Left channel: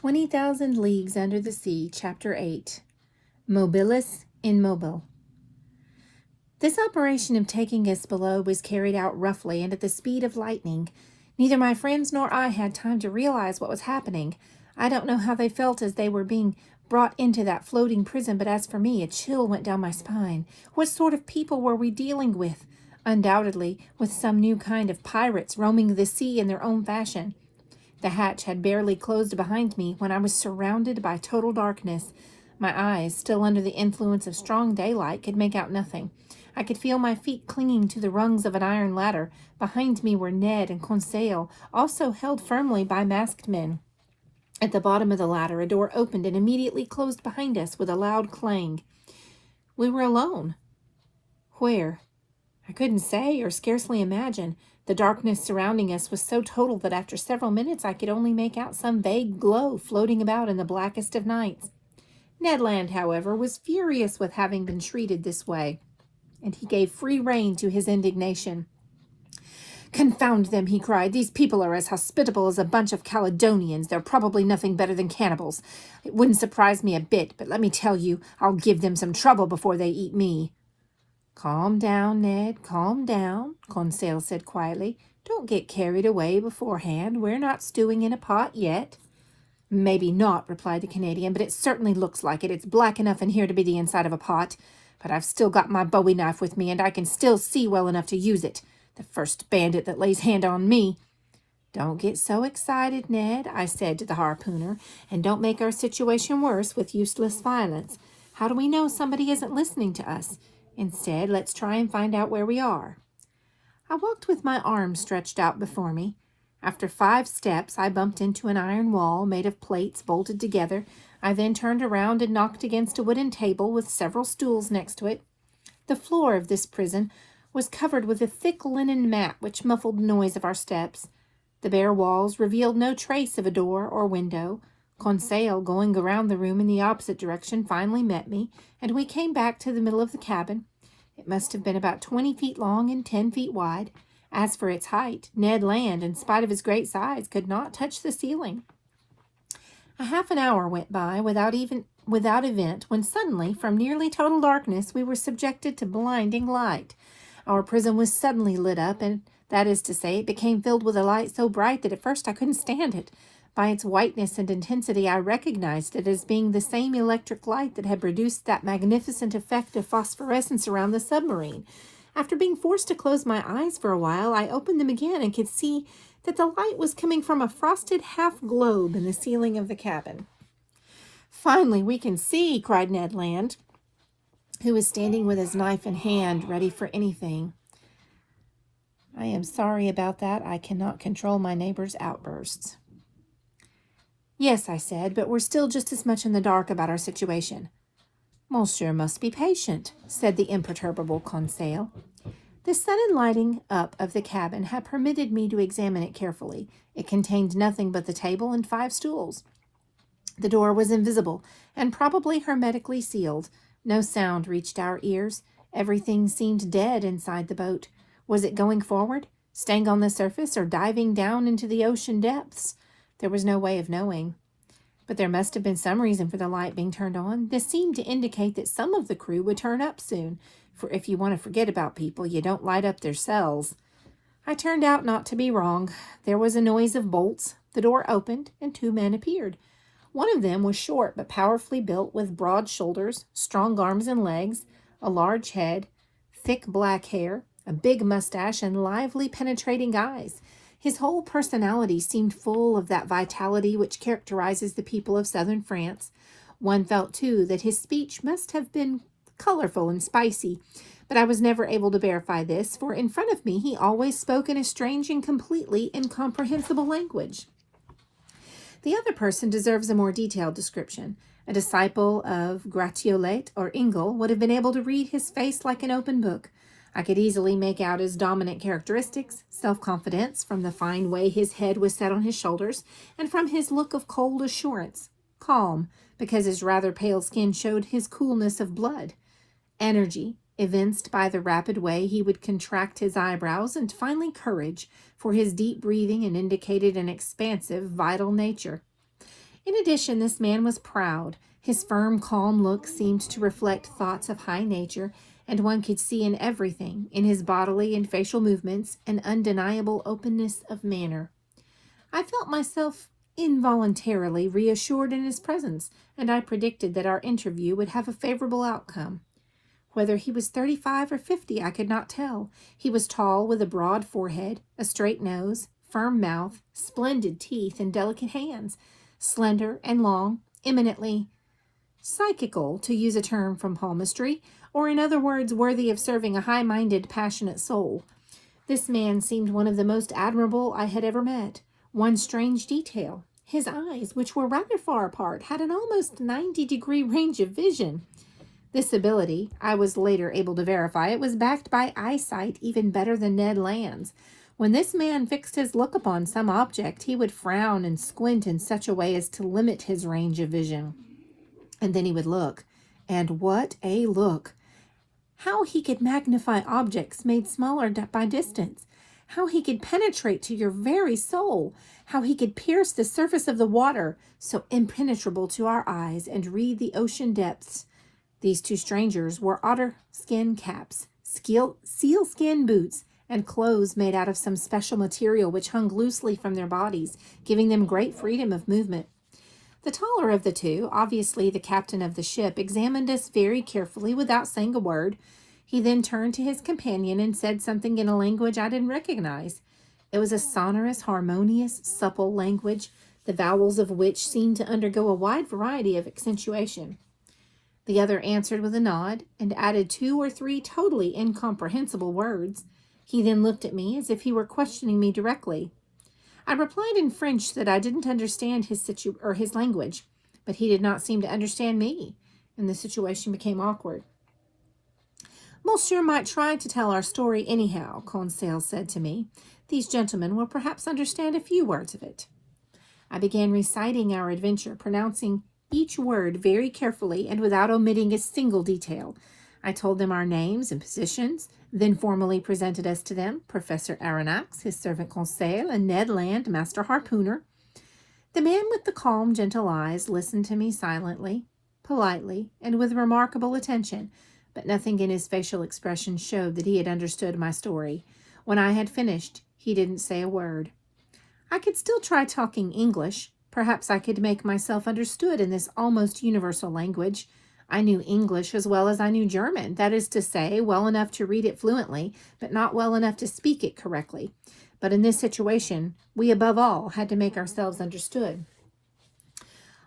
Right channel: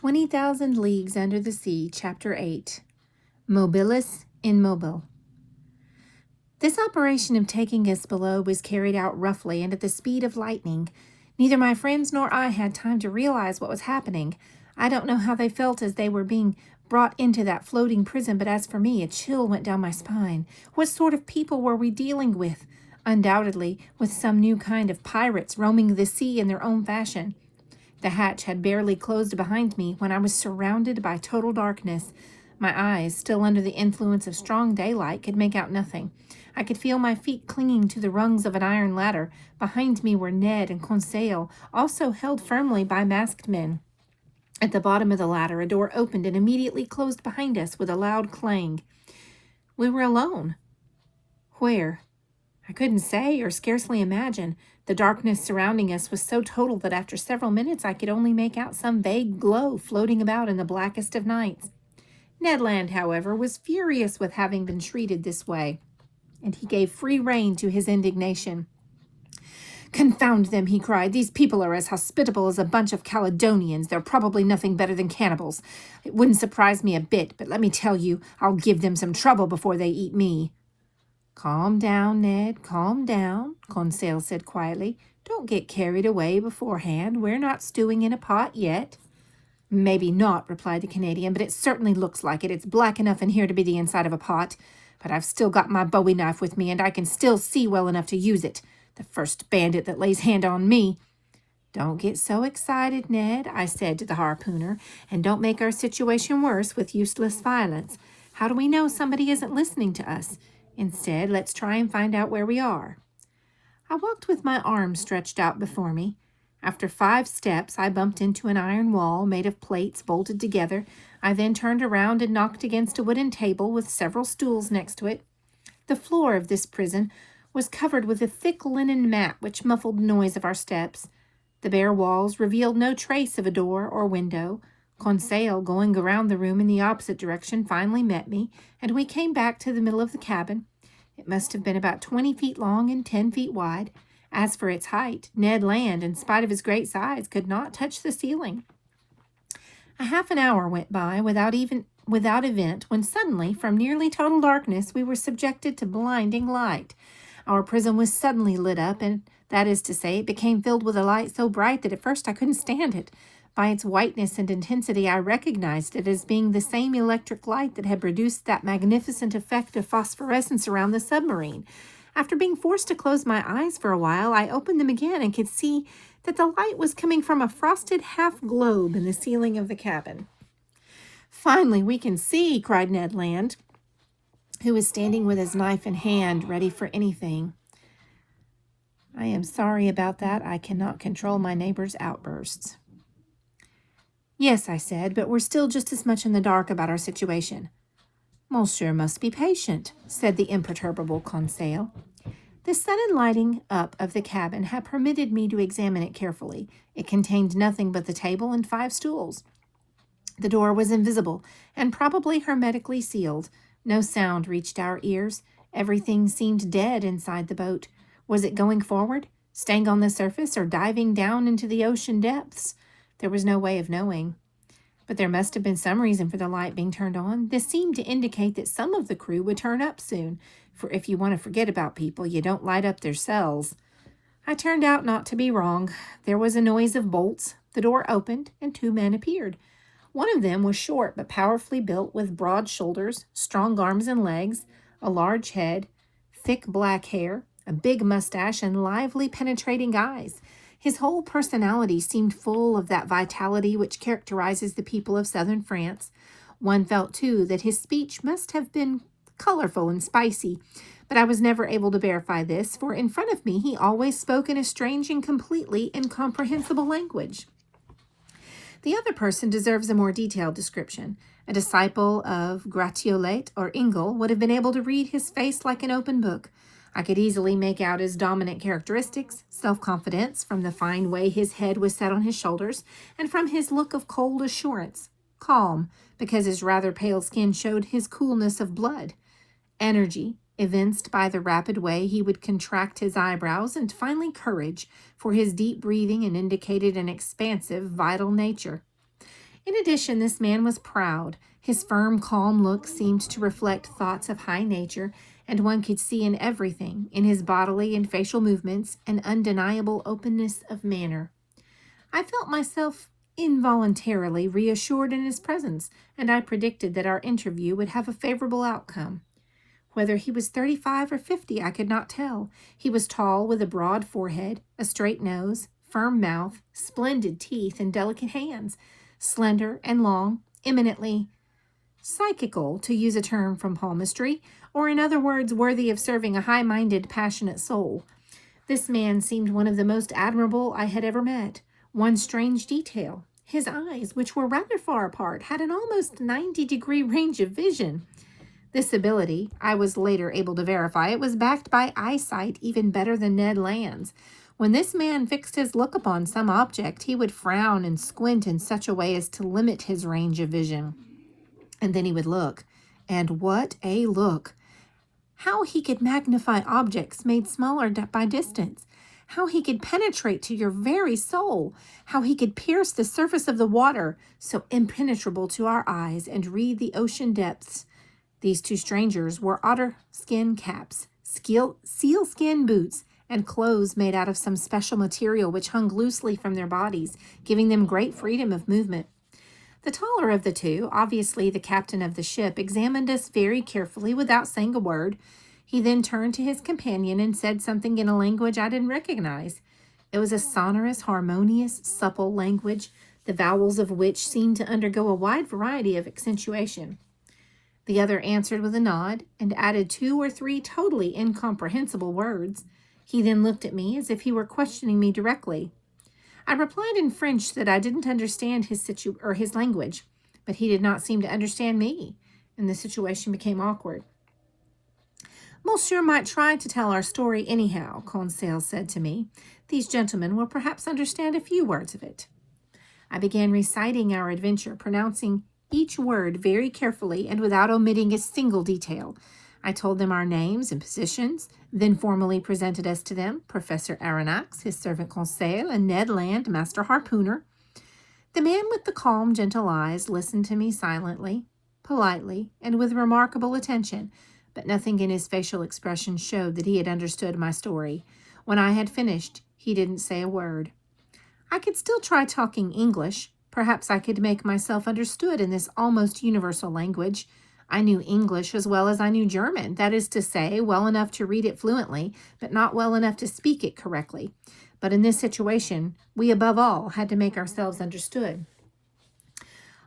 20,000 Leagues Under the Sea, Chapter 8, Mobilis Immobile. This operation of taking us below was carried out roughly and at the speed of lightning. Neither my friends nor I had time to realize what was happening. I don't know how they felt as they were being brought into that floating prison, but as for me, a chill went down my spine. What sort of people were we dealing with? Undoubtedly, with some new kind of pirates roaming the sea in their own fashion. The hatch had barely closed behind me when I was surrounded by total darkness. My eyes, still under the influence of strong daylight, could make out nothing. I could feel my feet clinging to the rungs of an iron ladder. Behind me were Ned and Conseil, also held firmly by masked men. At the bottom of the ladder, a door opened and immediately closed behind us with a loud clang. We were alone. Where? I couldn't say or scarcely imagine. The darkness surrounding us was so total that after several minutes I could only make out some vague glow floating about in the blackest of nights. Ned Land, however, was furious with having been treated this way, and he gave free rein to his indignation. "Confound them," he cried. "These people are as hospitable as a bunch of Caledonians. They're probably nothing better than cannibals. It wouldn't surprise me a bit, but let me tell you, I'll give them some trouble before they eat me." "Calm down, Ned, calm down," Conseil said quietly. "Don't get carried away beforehand. We're not stewing in a pot yet." "Maybe not," replied the Canadian, "but it certainly looks like it. It's black enough in here to be the inside of a pot. But I've still got my bowie knife with me, and I can still see well enough to use it. The first bandit that lays hand on me—" "Don't get so excited, Ned," I said to the harpooner, "and don't make our situation worse with useless violence. How do we know somebody isn't listening to us? Instead, let's try and find out where we are." I walked with my arms stretched out before me. After 5 steps, I bumped into an iron wall made of plates bolted together. I then turned around and knocked against a wooden table with several stools next to it. The floor of this prison was covered with a thick linen mat which muffled the noise of our steps. The bare walls revealed no trace of a door or window. Conseil, going around the room in the opposite direction, finally met me, and we came back to the middle of the cabin. It must have been about 20 feet long and 10 feet wide. As for its height, Ned Land, in spite of his great size, could not touch the ceiling. A half an hour went by without event when suddenly, from nearly total darkness, we were subjected to blinding light. Our prison was suddenly lit up, and that is to say, it became filled with a light so bright that at first I couldn't stand it. By its whiteness and intensity, I recognized it as being the same electric light that had produced that magnificent effect of phosphorescence around the submarine. After being forced to close my eyes for a while, I opened them again and could see that the light was coming from a frosted half-globe in the ceiling of the cabin. "Finally, we can see," cried Ned Land, who was standing with his knife in hand, ready for anything. "I am sorry about that. I cannot control my neighbor's outbursts." "Yes," I said, "but we're still just as much in the dark about our situation." "Monsieur must be patient," said the imperturbable Conseil. The sudden lighting up of the cabin had permitted me to examine it carefully. It contained nothing but the table and 5 stools. The door was invisible and probably hermetically sealed. No sound reached our ears. Everything seemed dead inside the boat. Was it going forward, staying on the surface, or diving down into the ocean depths? There was no way of knowing. But there must have been some reason for the light being turned on. This seemed to indicate that some of the crew would turn up soon, for if you want to forget about people, you don't light up their cells. I turned out not to be wrong. There was a noise of bolts. The door opened, and 2 men appeared. One of them was short but powerfully built, with broad shoulders, strong arms and legs, a large head, thick black hair, a big mustache, and lively, penetrating eyes. His whole personality seemed full of that vitality which characterizes the people of southern France. One felt, too, that his speech must have been colorful and spicy, but I was never able to verify this, for in front of me he always spoke in a strange and completely incomprehensible language. The other person deserves a more detailed description. A disciple of Gratiolet or Ingles would have been able to read his face like an open book. I could easily make out his dominant characteristics: self-confidence, from the fine way his head was set on his shoulders, and from his look of cold assurance; calm, because his rather pale skin showed his coolness of blood; energy, evinced by the rapid way he would contract his eyebrows; and finally courage, for his deep breathing and indicated an expansive, vital nature. In addition, this man was proud. His firm, calm look seemed to reflect thoughts of high nature, and one could see in everything, in his bodily and facial movements, an undeniable openness of manner. I felt myself involuntarily reassured in his presence, and I predicted that our interview would have a favorable outcome. Whether he was 35 or 50, I could not tell. He was tall, with a broad forehead, a straight nose, firm mouth, splendid teeth, and delicate hands, slender and long, eminently psychical, to use a term from palmistry, or in other words, worthy of serving a high-minded, passionate soul. This man seemed one of the most admirable I had ever met. One strange detail: his eyes, which were rather far apart, had an almost 90-degree range of vision. This ability, I was later able to verify, it was backed by eyesight even better than Ned Land's. When this man fixed his look upon some object, he would frown and squint in such a way as to limit his range of vision. And then he would look. And what a look! How he could magnify objects made smaller by distance. How he could penetrate to your very soul. How he could pierce the surface of the water, so impenetrable to our eyes, and read the ocean depths. These two strangers wore otter skin caps, sealskin boots, and clothes made out of some special material which hung loosely from their bodies, giving them great freedom of movement. The taller of the two, obviously the captain of the ship, examined us very carefully without saying a word. He then turned to his companion and said something in a language I didn't recognize. It was a sonorous, harmonious, supple language, the vowels of which seemed to undergo a wide variety of accentuation. The other answered with a nod, and added 2 or 3 totally incomprehensible words. He then looked at me as if he were questioning me directly. I replied in French that I didn't understand his language, but he did not seem to understand me, and the situation became awkward. Monsieur might try to tell our story anyhow, Conseil said to me. These gentlemen will perhaps understand a few words of it. I began reciting our adventure, pronouncing each word very carefully and without omitting a single detail. I told them our names and positions, then formally presented us to them, Professor Aronnax, his servant Conseil, and Ned Land, Master Harpooner. The man with the calm, gentle eyes listened to me silently, politely, and with remarkable attention, but nothing in his facial expression showed that he had understood my story. When I had finished, he didn't say a word. I could still try talking English. Perhaps I could make myself understood in this almost universal language. I knew English as well as I knew German, that is to say, well enough to read it fluently, but not well enough to speak it correctly. But in this situation, we above all had to make ourselves understood.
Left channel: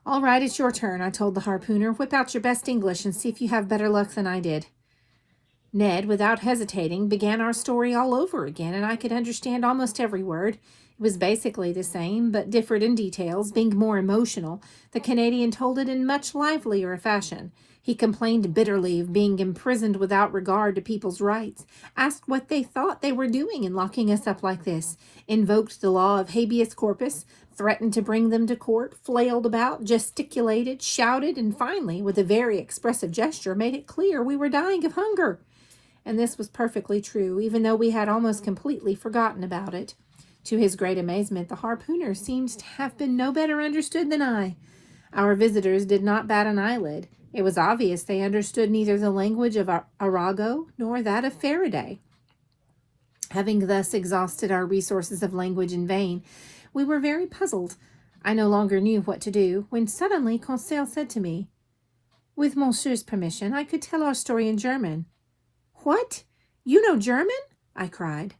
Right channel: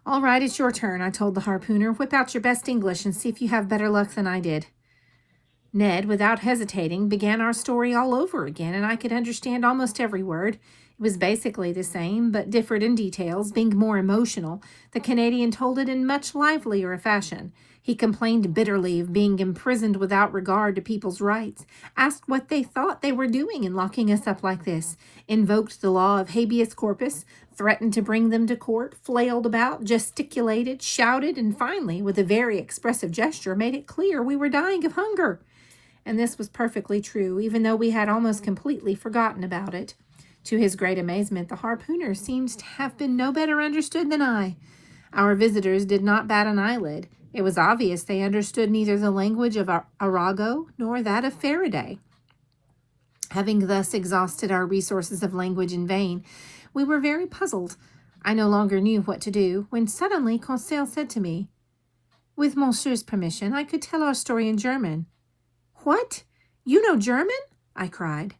All right, it's your turn, I told the harpooner. Whip out your best English and see if you have better luck than I did. Ned, without hesitating, began our story all over again, and I could understand almost every word. It was basically the same, but differed in details, being more emotional. The Canadian told it in much livelier fashion. He complained bitterly of being imprisoned without regard to people's rights, asked what they thought they were doing in locking us up like this, invoked the law of habeas corpus, threatened to bring them to court, flailed about, gesticulated, shouted, and finally, with a very expressive gesture, made it clear we were dying of hunger. And this was perfectly true, even though we had almost completely forgotten about it. To his great amazement, the harpooner seems to have been no better understood than I. Our visitors did not bat an eyelid. It was obvious they understood neither the language of Arago nor that of Faraday. Having thus exhausted our resources of language in vain, we were very puzzled. I no longer knew what to do, when suddenly Conseil said to me, "With Monsieur's permission, I could tell our story in German." "What? You know German?" I cried.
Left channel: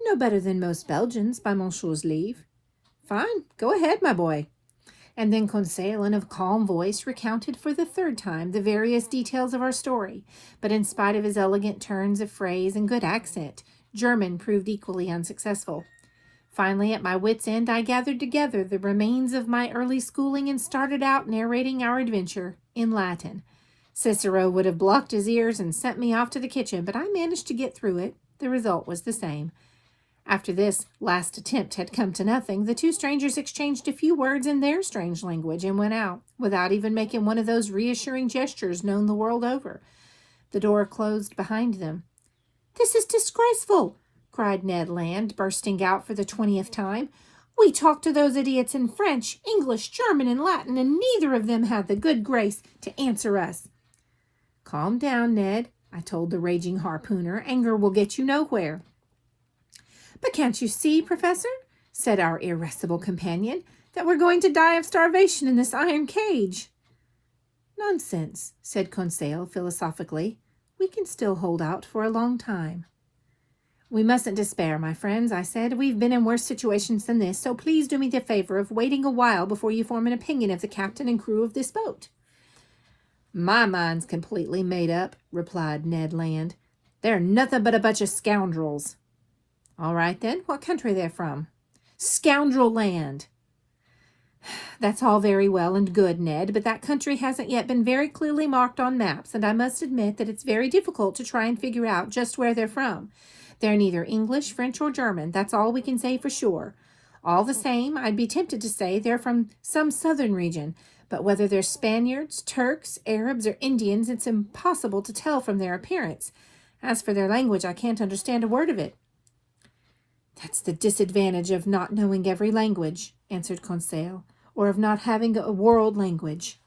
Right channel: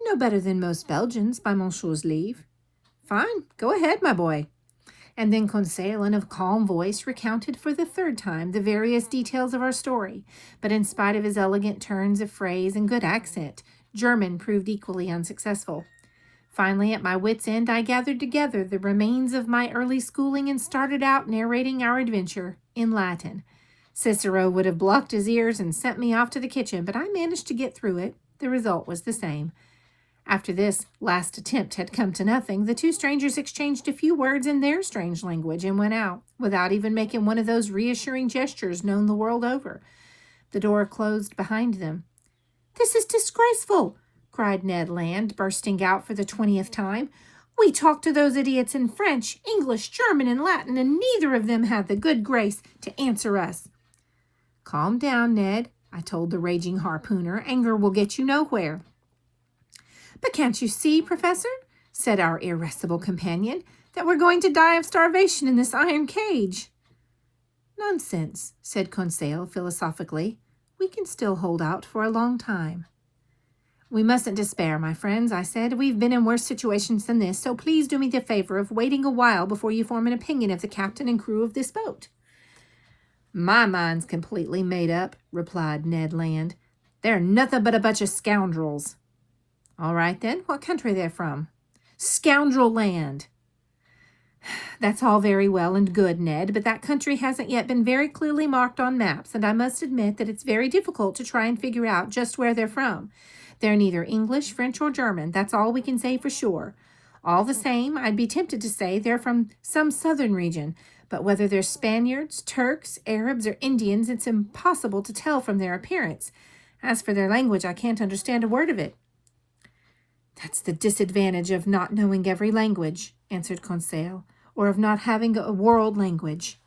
"No better than most Belgians, by Monsieur's leave." "Fine, go ahead, my boy." And then Conseil, in a calm voice, recounted for the 3rd time the various details of our story, but in spite of his elegant turns of phrase and good accent, German proved equally unsuccessful. Finally, at my wits' end, I gathered together the remains of my early schooling and started out narrating our adventure in Latin. Cicero would have blocked his ears and sent me off to the kitchen, but I managed to get through it. The result was the same. After this last attempt had come to nothing, the two strangers exchanged a few words in their strange language and went out, without even making one of those reassuring gestures known the world over. The door closed behind them. "This is disgraceful!" cried Ned Land, bursting out for the 20th time. We talked to those idiots in French, English, German, and Latin, and neither of them had the good grace to answer us." "Calm down, Ned," I told the raging harpooner. "Anger will get you nowhere." "But can't you see, Professor," said our irascible companion, "that we're going to die of starvation in this iron cage?" "Nonsense," said Conseil philosophically. "We can still hold out for a long time." "We mustn't despair, my friends," I said. "We've been in worse situations than this, so please do me the favor of waiting a while before you form an opinion of the captain and crew of this boat." "My mind's completely made up," replied Ned Land. "They're nothing but a bunch of scoundrels." "All right, then. What country they're from?" "Scoundrel Land." "That's all very well and good, Ned, but that country hasn't yet been very clearly marked on maps, and I must admit that it's very difficult to try and figure out just where they're from. They're neither English, French, or German. That's all we can say for sure. All the same, I'd be tempted to say they're from some southern region, but whether they're Spaniards, Turks, Arabs, or Indians, it's impossible to tell from their appearance. As for their language, I can't understand a word of it." "That's the disadvantage of not knowing every language," answered Conseil, "or of not having a world language."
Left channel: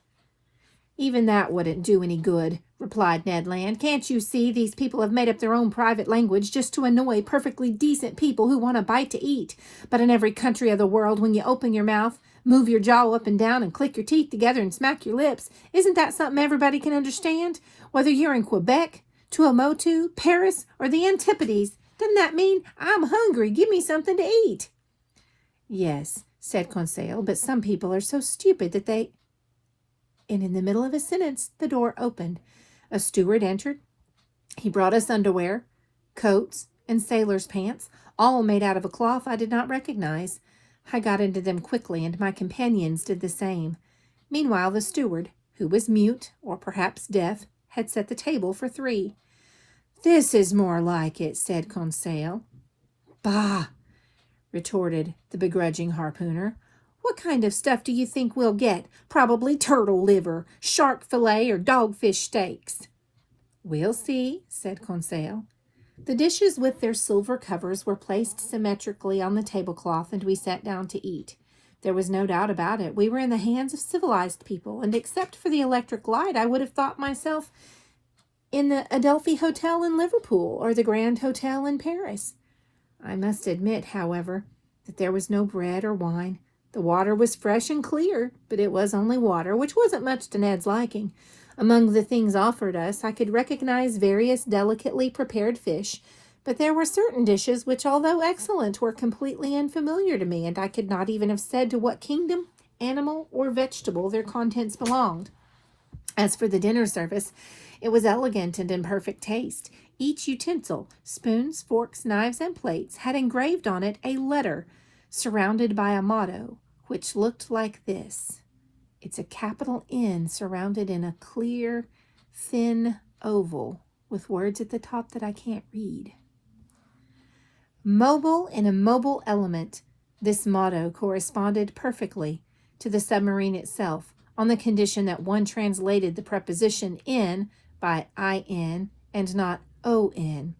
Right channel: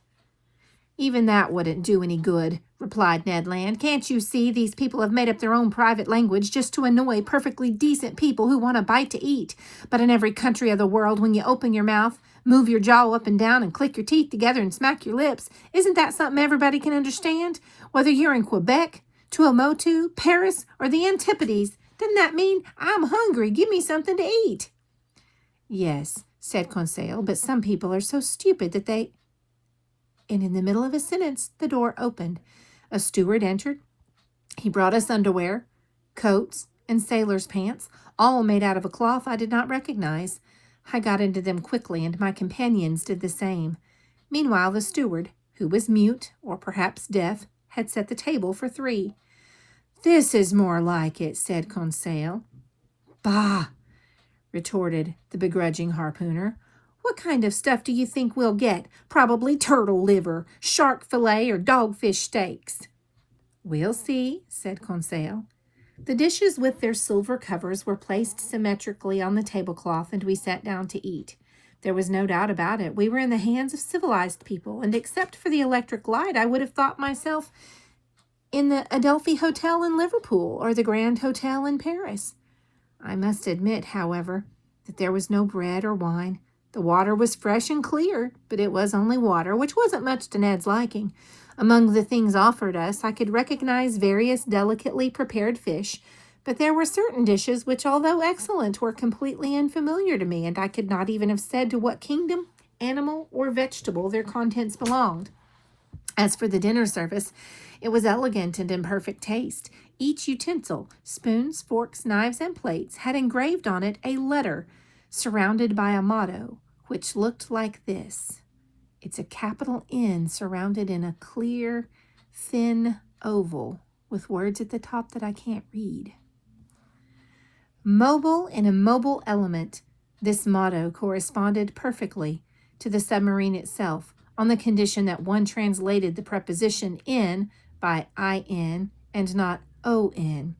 "Even that wouldn't do any good," replied Ned Land. "Can't you see these people have made up their own private language just to annoy perfectly decent people who want a bite to eat? But in every country of the world, when you open your mouth, move your jaw up and down, and click your teeth together and smack your lips, isn't that something everybody can understand? Whether you're in Quebec, Tuamotu, Paris, or the Antipodes, doesn't that mean 'I'm hungry, give me something to eat'?" "Yes," said Conseil, "but some people are so stupid that they—" And in the middle of a sentence, the door opened. A steward entered. He brought us underwear, coats, and sailor's pants, all made out of a cloth I did not recognize. I got into them quickly, and my companions did the same. Meanwhile, the steward, who was mute, or perhaps deaf, had set the table for 3. "This is more like it," said Conseil. "Bah!" retorted the begrudging harpooner. "What kind of stuff do you think we'll get? Probably turtle liver, shark fillet, or dogfish steaks." "We'll see," said Conseil. The dishes with their silver covers were placed symmetrically on the tablecloth, and we sat down to eat. There was no doubt about it. We were in the hands of civilized people, and except for the electric light, I would have thought myself in the Adelphi Hotel in Liverpool or the Grand Hotel in Paris. I must admit, however, that there was no bread or wine. The water was fresh and clear, but it was only water, which wasn't much to Ned's liking. Among the things offered us, I could recognize various delicately prepared fish, but there were certain dishes which, although excellent, were completely unfamiliar to me, and I could not even have said to what kingdom, animal, or vegetable their contents belonged. As for the dinner service, it was elegant and in perfect taste. Each utensil, spoons, forks, knives, and plates, had engraved on it a letter surrounded by a motto, which looked like this. It's a capital N surrounded in a clear, thin oval with words at the top that I can't read. Mobile and immobile element. This motto corresponded perfectly to the submarine itself, on the condition that one translated the preposition in by IN and not ON.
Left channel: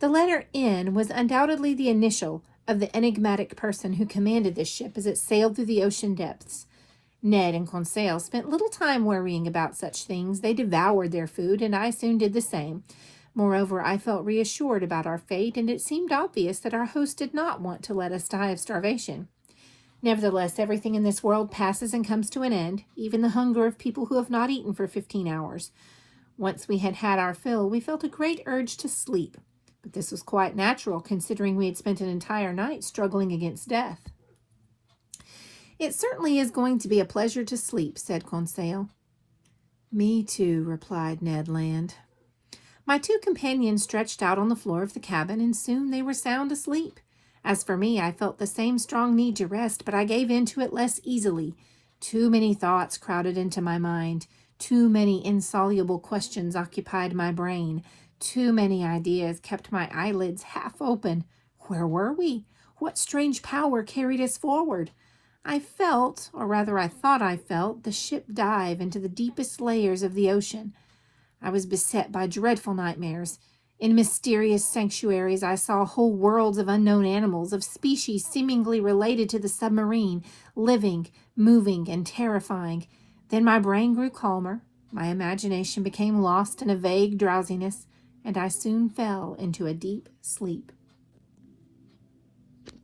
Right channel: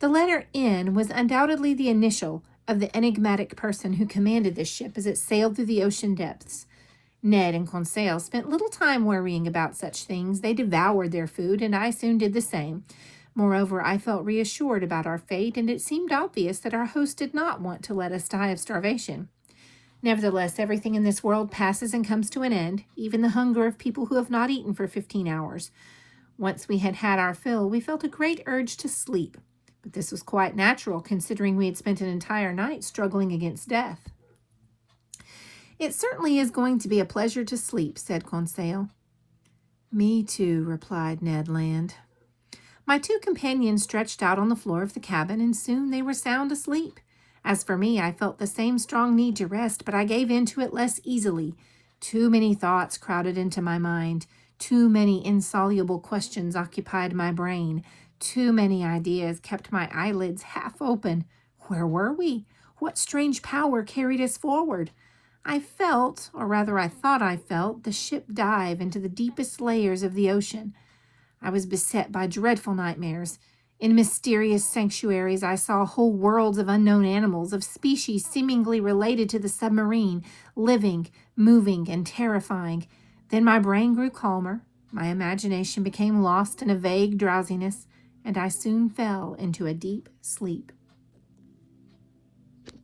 The letter N was undoubtedly the initial of the enigmatic person who commanded this ship as it sailed through the ocean depths. Ned and Conseil spent little time worrying about such things. They devoured their food, and I soon did the same. Moreover, I felt reassured about our fate, and it seemed obvious that our host did not want to let us die of starvation. Nevertheless, everything in this world passes and comes to an end, even the hunger of people who have not eaten for 15 hours. Once we had had our fill, we felt a great urge to sleep, but this was quite natural, considering we had spent an entire night struggling against death. "It certainly is going to be a pleasure to sleep," said Conseil. "Me too," replied Ned Land. My 2 companions stretched out on the floor of the cabin, and soon they were sound asleep. As for me, I felt the same strong need to rest, but I gave in to it less easily. Too many thoughts crowded into my mind. Too many insoluble questions occupied my brain. Too many ideas kept my eyelids half open. Where were we? What strange power carried us forward? I felt, or rather I thought I felt, the ship dive into the deepest layers of the ocean. I was beset by dreadful nightmares. In mysterious sanctuaries, I saw whole worlds of unknown animals, of species seemingly related to the submarine, living, moving, and terrifying. Then my brain grew calmer, my imagination became lost in a vague drowsiness, and I soon fell into a deep sleep.